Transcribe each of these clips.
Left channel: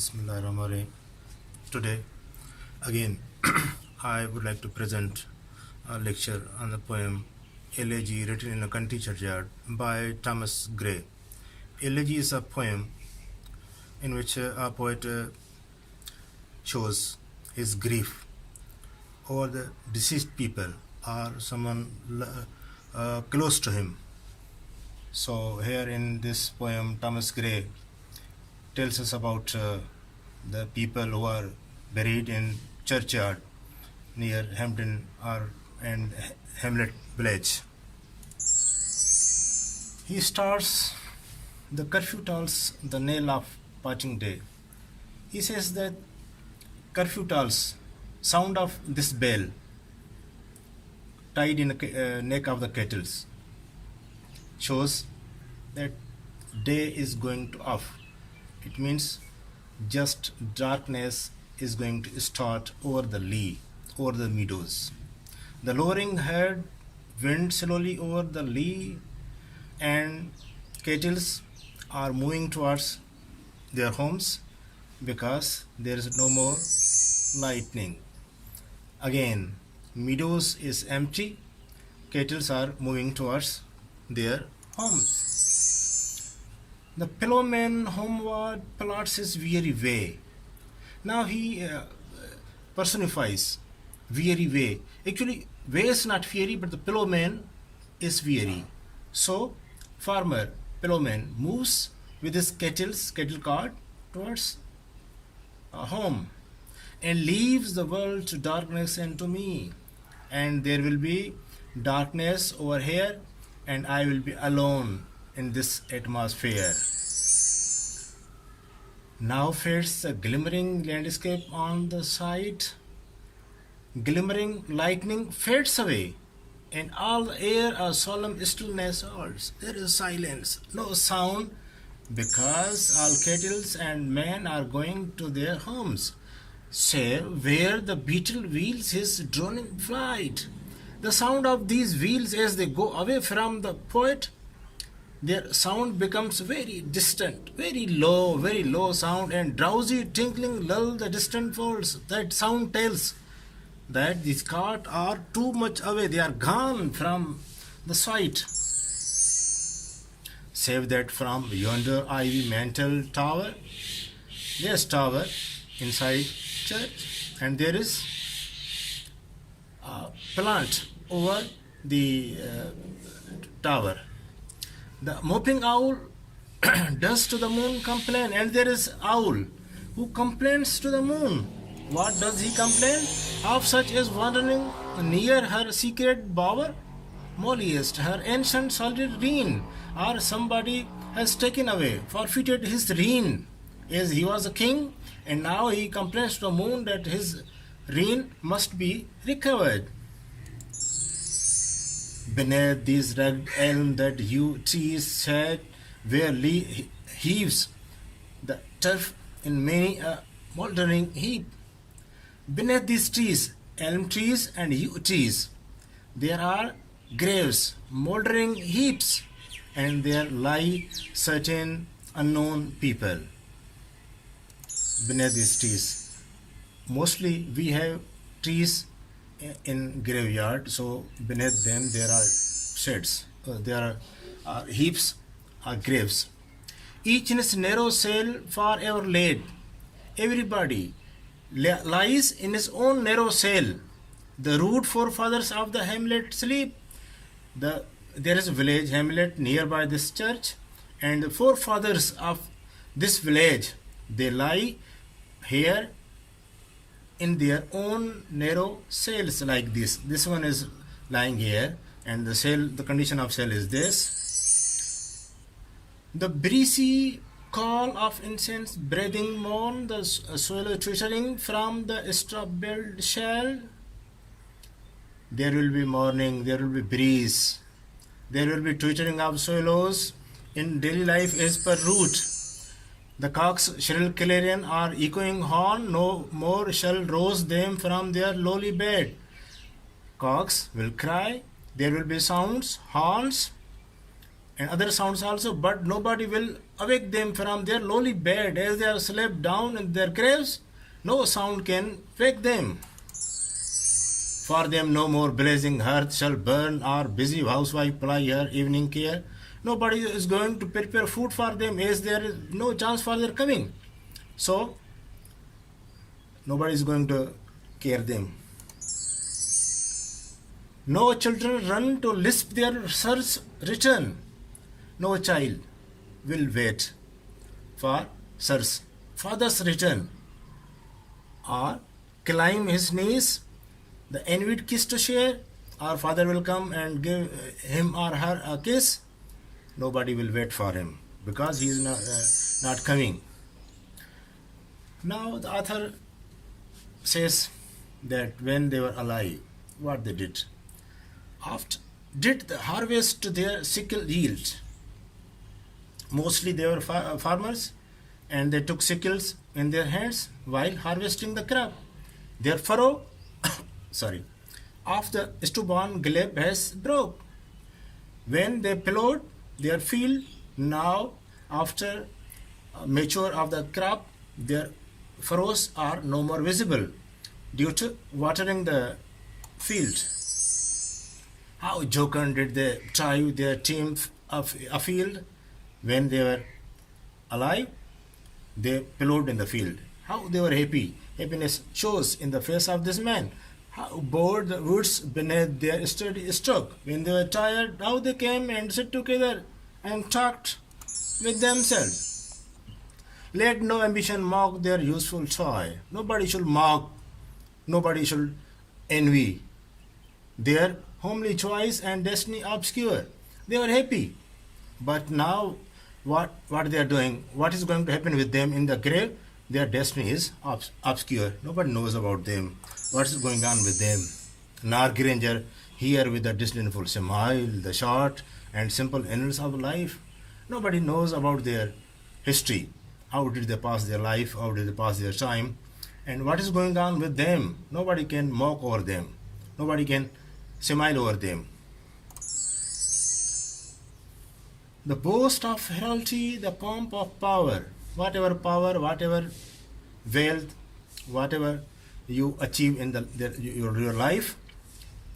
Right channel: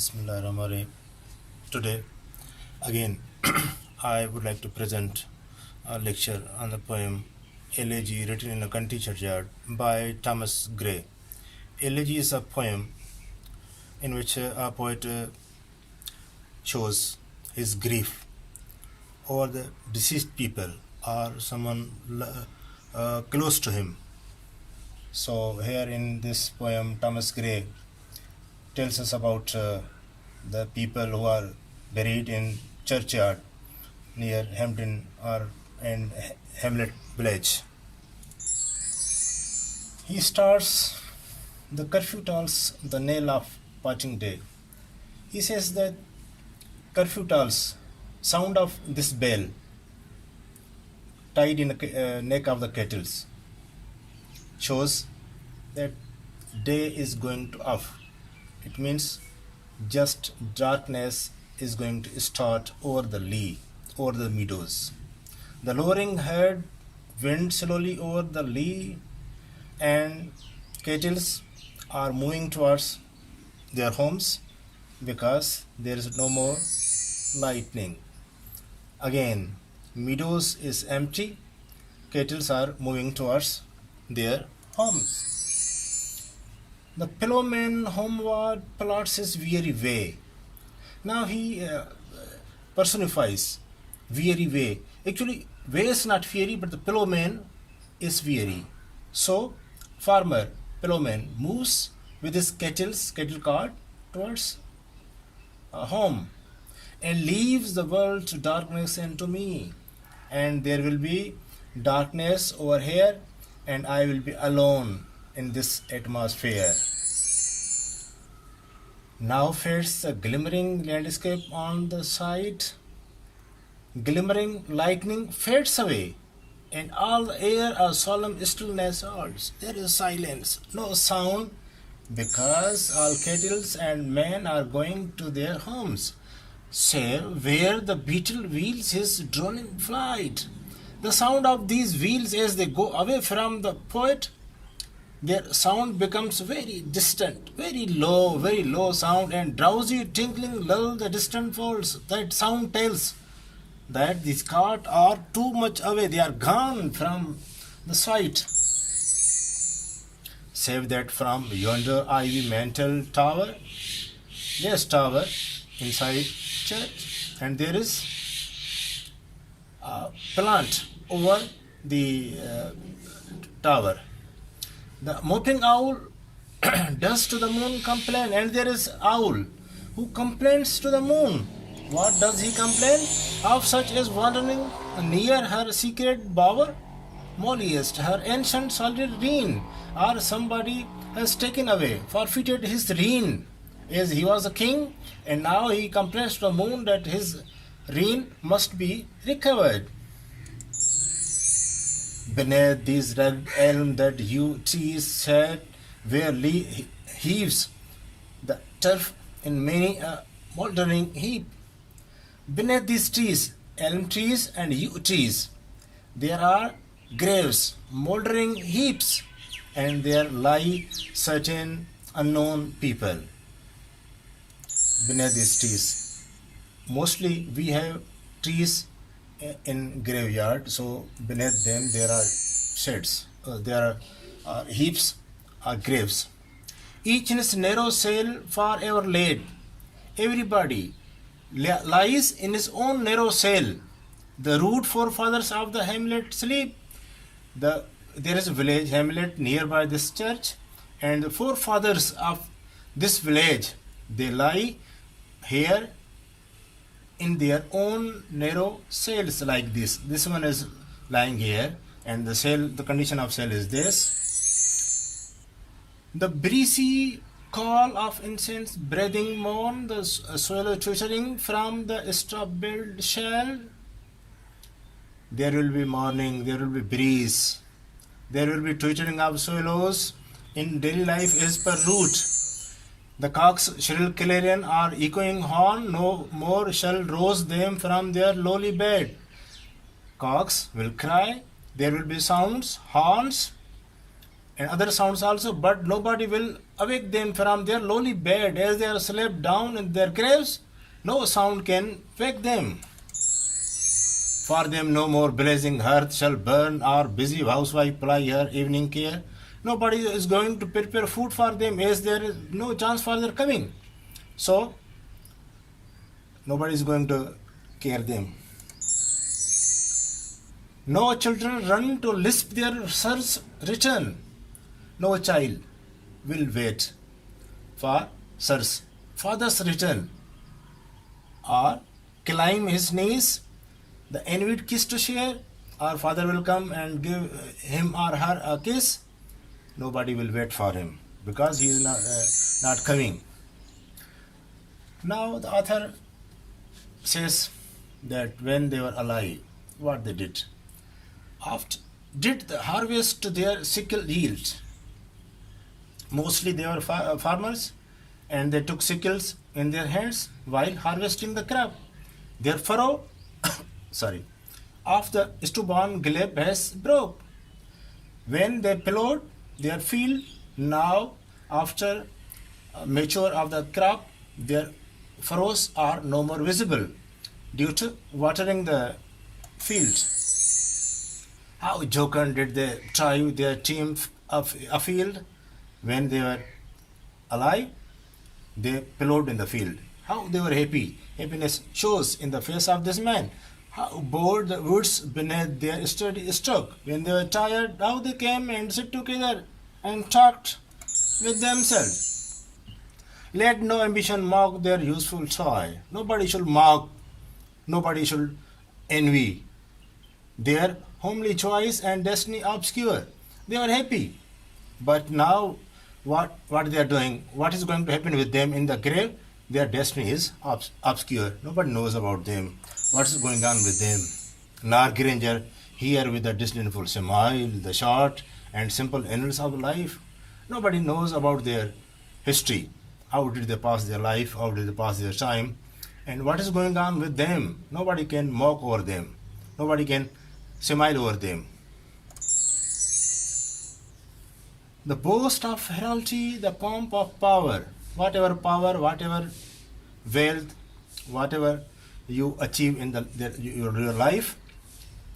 Bismillahirrahmanirrahim. Today, again, I would like to present a lecture on the poem Elegy written in a country churchyard by Thomas Gray. Elegy is a poem in which a poet shows his grief over the deceased people or someone close to him. So here in this poem, Thomas Gray tells us about the people who are buried in churchyard near Hampden and Hamlet village. He starts, the curfew tolls the knell of parting day. He says that curfew tolls, sound of this bell tied in the neck of the kettles, shows that day is going to off. It means just darkness is going to start over the lea, over the meadows. The lowering herd wind slowly over the lea, and kettles are moving towards their homes because there is no more lightning. Again, meadows is empty, kettles are moving towards their homes. The ploughman homeward plots his weary way. Now he personifies weary way. Actually, way is not weary, but the ploughman is weary. So, farmer, ploughman, moves with his cattle cart towards home and leaves the world to darkness and to me. And there will be darkness over here, and I will be alone in this atmosphere. Now fades the glimmering landscape on the side. Glimmering lightning fades away, and all the air a solemn stillness holds. There is silence, no sound, because all kettles and men are going to their homes, save where the beetle wheels his droning flight. The sound of these wheels as they go away from the poet, their sound becomes very distant, very low sound, and drowsy tinkling lull the distant folds. That sound tells that these carts are too much away, they are gone from the sight. Save that from yonder ivy mantled tower, there's tower inside church, and there is a plant over the tower. The moping owl does to the moon complain, and there is owl who complains to the moon. What does he complain? Of such as wandering near her secret bower, molliest her ancient solid rein, or somebody has taken away, forfeited his rein, as he was a king, and now he complains to the moon that his rein must be recovered. Beneath these rugged elm that yew trees sat, where heaves the turf in many a mouldering heap. Beneath these trees, elm trees and yew trees, there are graves, mouldering heaps, and there lie certain unknown people beneath these trees. Mostly we have trees in graveyard, so beneath them there are sheds, there are heaps, graves. Each in its narrow cell forever laid. Everybody lies in his own narrow cell. The rude forefathers of the hamlet sleep. There is a village, hamlet, nearby this church, and the forefathers of this village, they lie here in their own narrow cells like this. This one is lying here, and the condition of cell is this. The breezy call of incense breathing mourn, the swallow twittering from the straw-billed shell. There will be morning, there will be breeze, there will be twittering of swallows in daily life as per route. The cock's shrill clarion or echoing horn no more shall rouse them from their lowly bed. Cocks will cry, there will be sounds, horns, and other sounds also, but nobody will awake them from their lowly bed as they are slept down in their graves. No sound can wake them. For them no more blazing hearth shall burn, or busy housewife ply her evening care. Nobody is going to prepare food for them, as there is no chance for their coming. So, nobody is going to care them. No children run to lisp their sir's return. No child will wait for sir's father's return, or climb his knees, the envied kiss to share. Our father will come and give him or her a kiss. Nobody will wait for him because he is not coming. Now the author says that when they were alive, what they did. After did the harvest to their sickle yield. Mostly they were farmers, and they took sickles in their hands while harvesting the crop. Their furrow of the stubborn glebe has broke. When they plowed their field, now after mature of the crop, their furrows are no more visible due to watering the field. How jocund did they drive their team afield when they were alive? They plowed in the field. How they were happy. Happiness shows in the face of this man. How bored the woods beneath their sturdy stroke. When they were tired, how they came and sat together and talked with themselves. Let no ambition mock their useful toil. Nobody should mock, nobody should envy their homely choice and destiny obscure. They were happy. But now what they are doing, what is going to happen with them in the grave? Their destiny is obscure. Nobody knows about them. What is going on with them? Nar Granger here with a disdainful smile, the short and simple annals of life. Nobody knows about their history. How did they pass their life? How did they pass their time? And what is going on with them? Nobody can mock over them. Nobody can smile over them. The boast of heraldry, the pomp of power, whatever wealth, whatever you achieve in your life,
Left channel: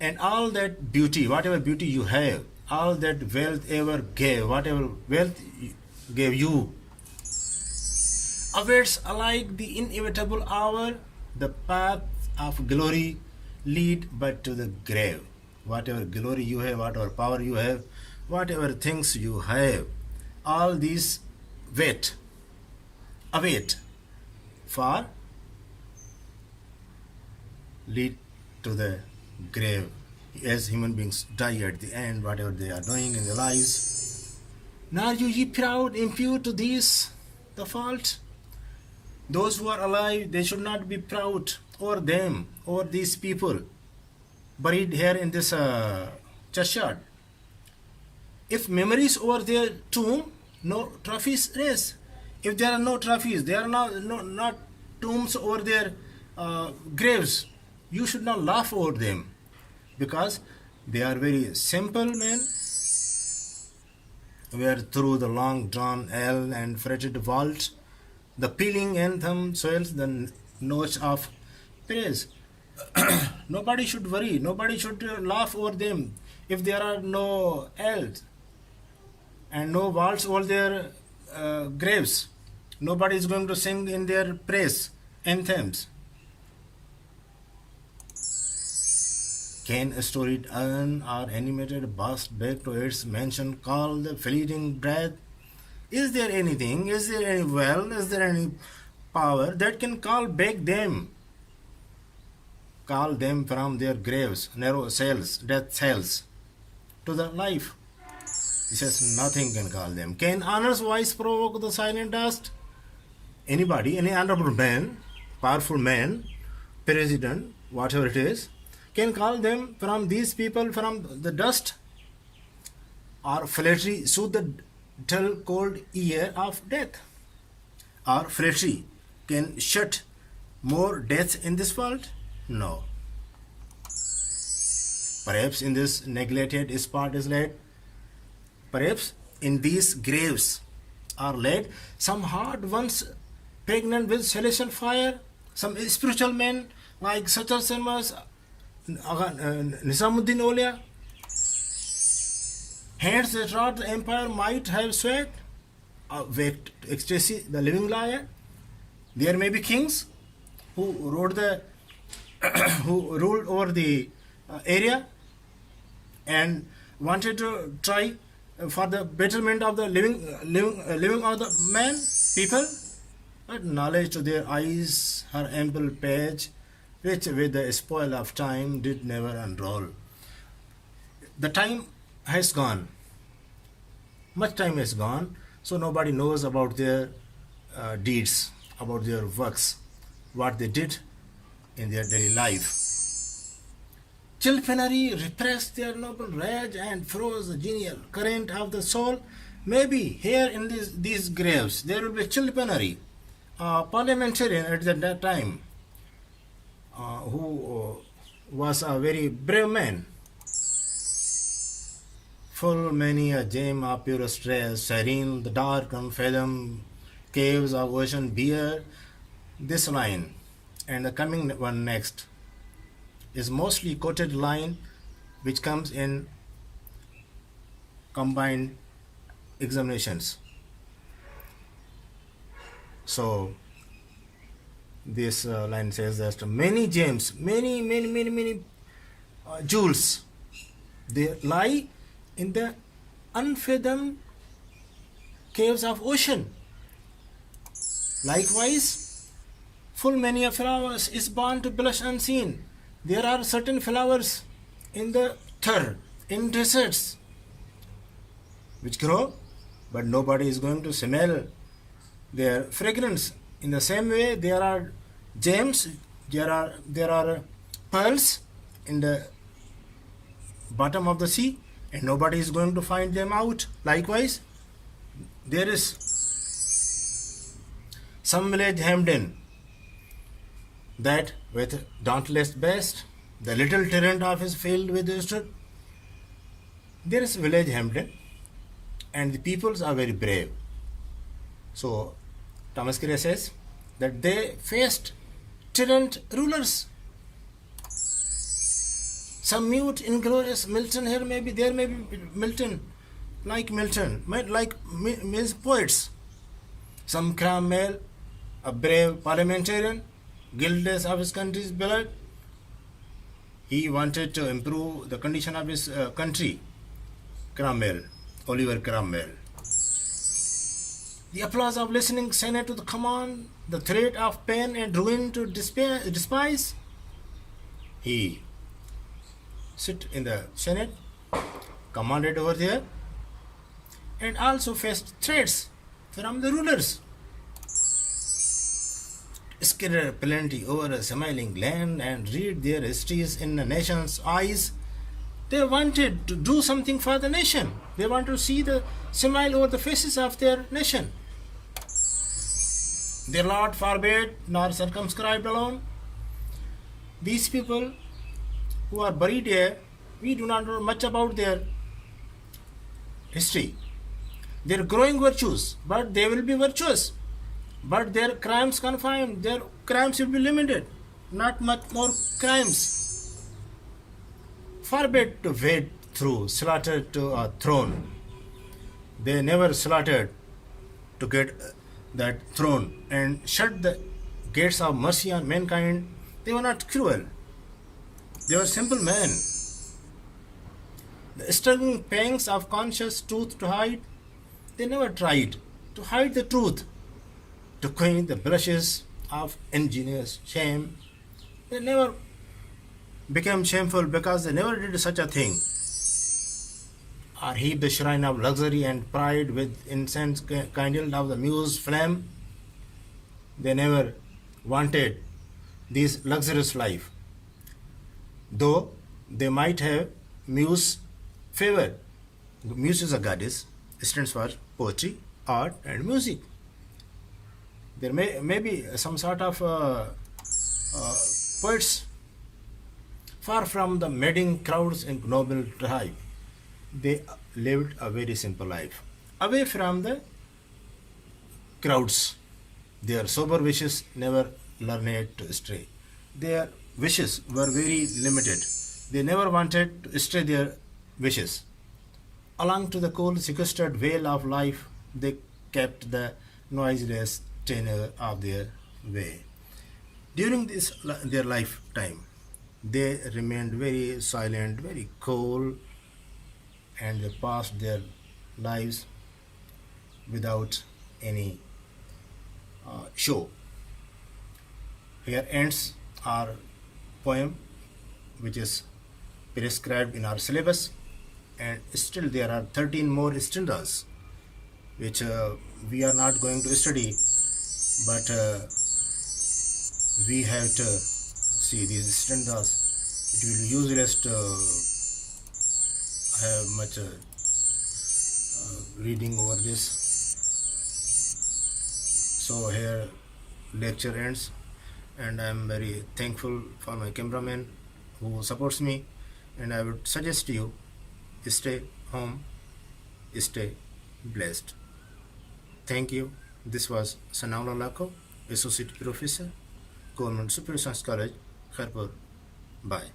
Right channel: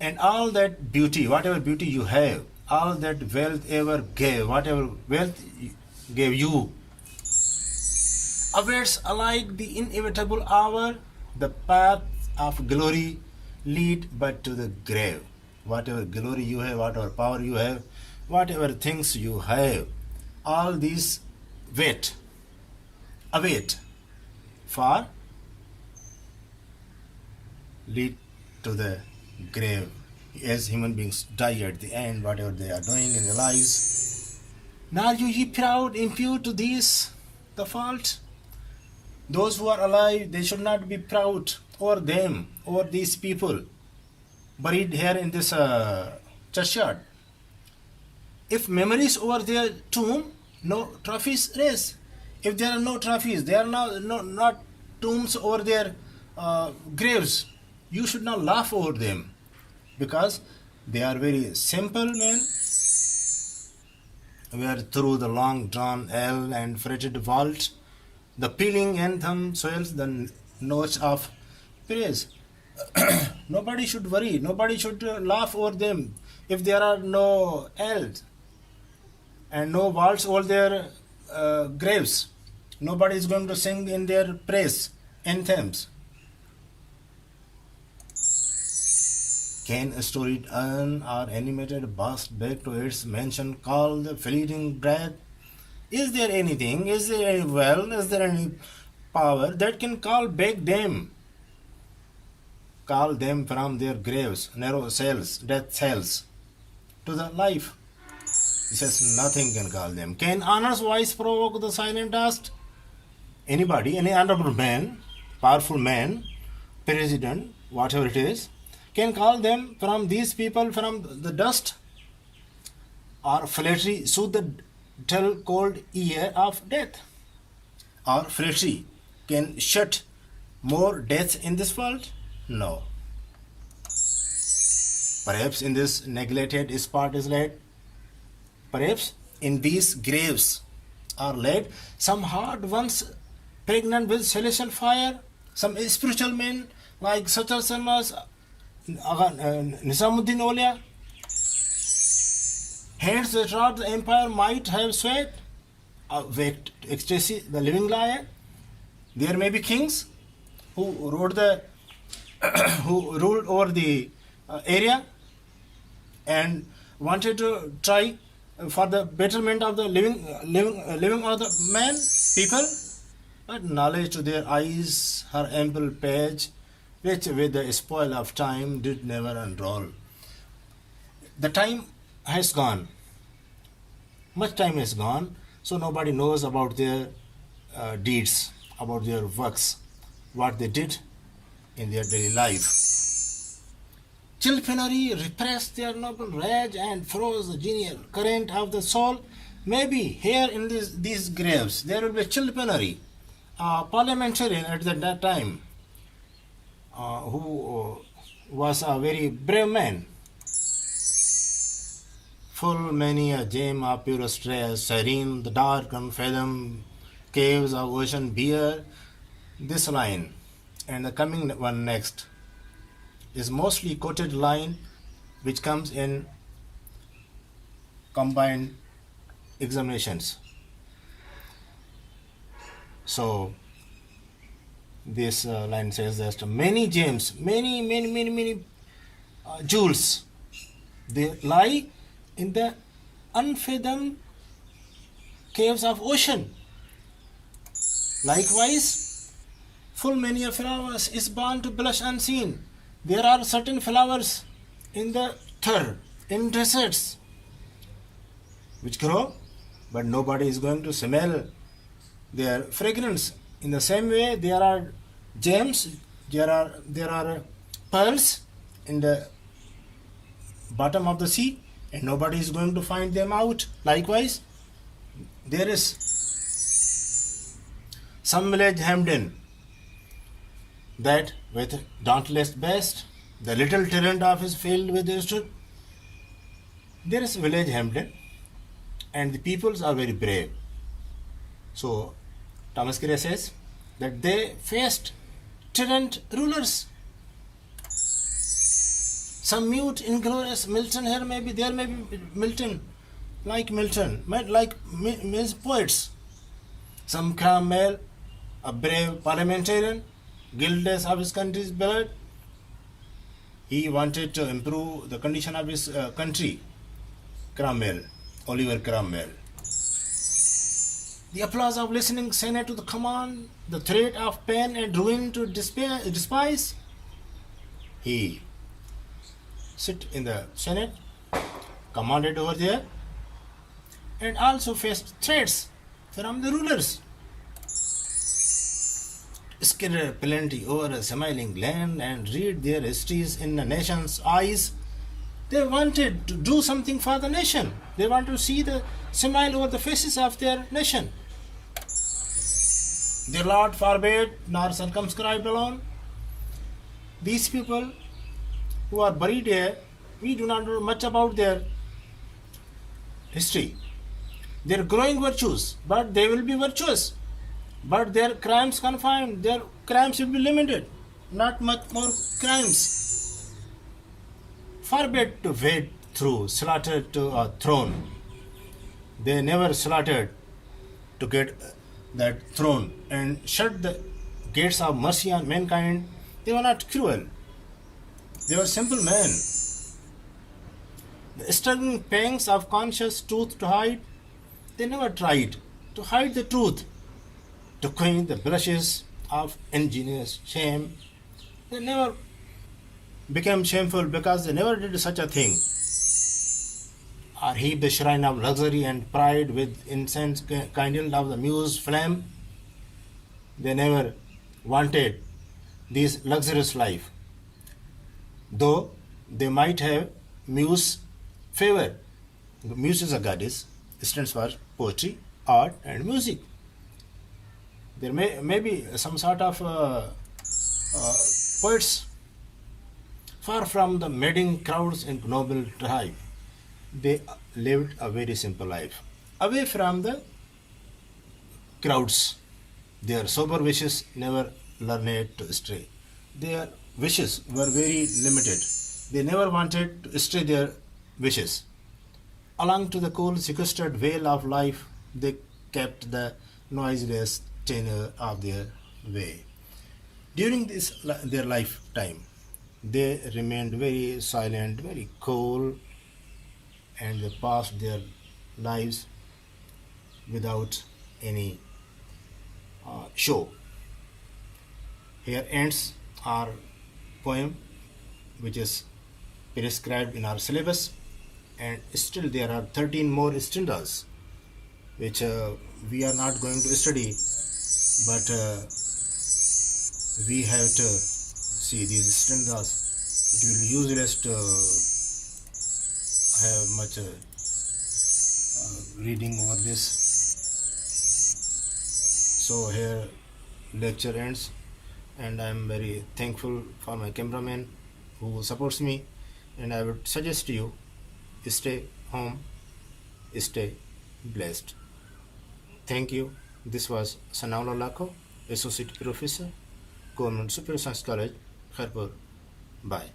and all that beauty, whatever beauty you have, all that wealth ever gave, whatever wealth gave you, awaits alike the inevitable hour. The path of glory lead but to the grave. Whatever glory you have, whatever power you have, whatever things you have, all these await for lead to the grave. As human beings die at the end, whatever they are doing in their lives. Now you ye proud, impute to these the fault. Those who are alive, they should not be proud over them, over these people buried here in this churchyard. If memories over their tomb, no trophies raise. If there are no trophies, there are not tombs over their graves, you should not laugh over them, because they are very simple men, where through the long drawn L and fretted vault, the pealing anthem swells the notes of praise. Nobody should worry, nobody should laugh over them if there are no L's and no vaults over their graves. Nobody is going to sing in their praise anthems. Can a storied urn or animated bust back to its mansion call the fleeting breath? Is there anything, is there any well, is there any power that can call them from their graves, narrow cells, death cells, to the life? He says nothing can call them. Can honor's voice provoke the silent dust? Anybody, any honorable man, powerful man, president, whatever it is, can call them from these people from the dust? Or flattery soothe the dull cold ear of death? Or flattery can shut more deaths in this world? No. Perhaps in this neglected spot is laid. Perhaps in these graves are laid, some hard ones pregnant with celestial fire, some spiritual men like Satar Sarmas, Nizamuddin Aulia, hands that wrought the empire might have sweat, waked ecstasy, the living liar. There may be kings who who ruled over the area and wanted to try for the betterment of the living of the man, people, but knowledge to their eyes, her ample page, which with the spoil of time did never unroll. The time has gone. Much time has gone, so nobody knows about their deeds, about their works, what they did in their daily life. Chilpenary repressed their noble rage and froze the genial current of the soul. Maybe here in these graves there will be Chilpenary, a parliamentarian at that time, who was a very brave man. Full many a gem of purest rays, serene the dark unfathomed caves of ocean bear this line, and the coming one next is mostly quoted line which comes in combined examinations. So this line says that many gems, many jewels, they lie in the unfathomed caves of ocean. Likewise, full many a flowers is born to blush unseen. There are certain flowers in the earth, in deserts, which grow, but nobody is going to smell their fragrance. In the same way, there are gems, there are pearls in the bottom of the sea, and nobody is going to find them out. Likewise, there is some village hemmed in, that with dauntless breast, the little torrent of his filled with stood. There is village hemmed in, and the peoples are very brave. So Thomas Gray says that they faced tyrant rulers. Some mute, inglorious Milton here may be, there may be Milton, like means poets. Some Cromwell, a brave parliamentarian, guiltless of his country's blood. He wanted to improve the condition of his country. Cromwell, Oliver Cromwell. The applause of listening Senate to the command, the threat of pain and ruin to despise. He sit in the Senate, commanded over there, and also faced threats from the rulers. Scatter plenty over a smiling land and read their histories in the nation's eyes. They wanted to do something for the nation. They want to see the smile over the faces of their nation. Their Lord forbade, nor circumscribed alone. These people who are buried here, we do not know much about their history. Their growing virtues, but they will be virtuous. But their crimes confined, their crimes will be limited. Not much more crimes. Forbade to wade through, slaughtered to a throne. They never slaughtered to get that throne and shut the gates of mercy on mankind. They were not cruel. They were simple men. The struggling pangs of conscious truth to hide, they never tried to hide the truth, to quench the blushes of ingenious shame. They never became shameful because they never did such a thing, or heaped the shrine of luxury and pride with incense kindled of the muse flame. They never wanted this luxurious life, though they might have muse favor. Muse is a goddess, stands for poetry, art, and music. There may be some sort of poets far from the madding crowds in noble tribe. They lived a very simple life, away from the crowds. Their sober wishes never learned to stray. Their wishes were very limited. They never wanted to stray their wishes. Along to the cool, sequestered vale of life, they kept the noiseless tenor of their way. During their lifetime, they remained very silent, very cool, and they passed their lives without any show. Here ends our poem, which is prescribed in our syllabus, and still there are 13 more stanzas which we are not going to study, but we have to see these stanzas. It will be useless to have much reading over this. So here lecture ends, and I am very thankful for my cameraman who supports me, and I would suggest you stay home, stay blessed. Thank you. This was Sanaullah Lakho, Associate Professor, Government Super Science College, Kharpur. Bye.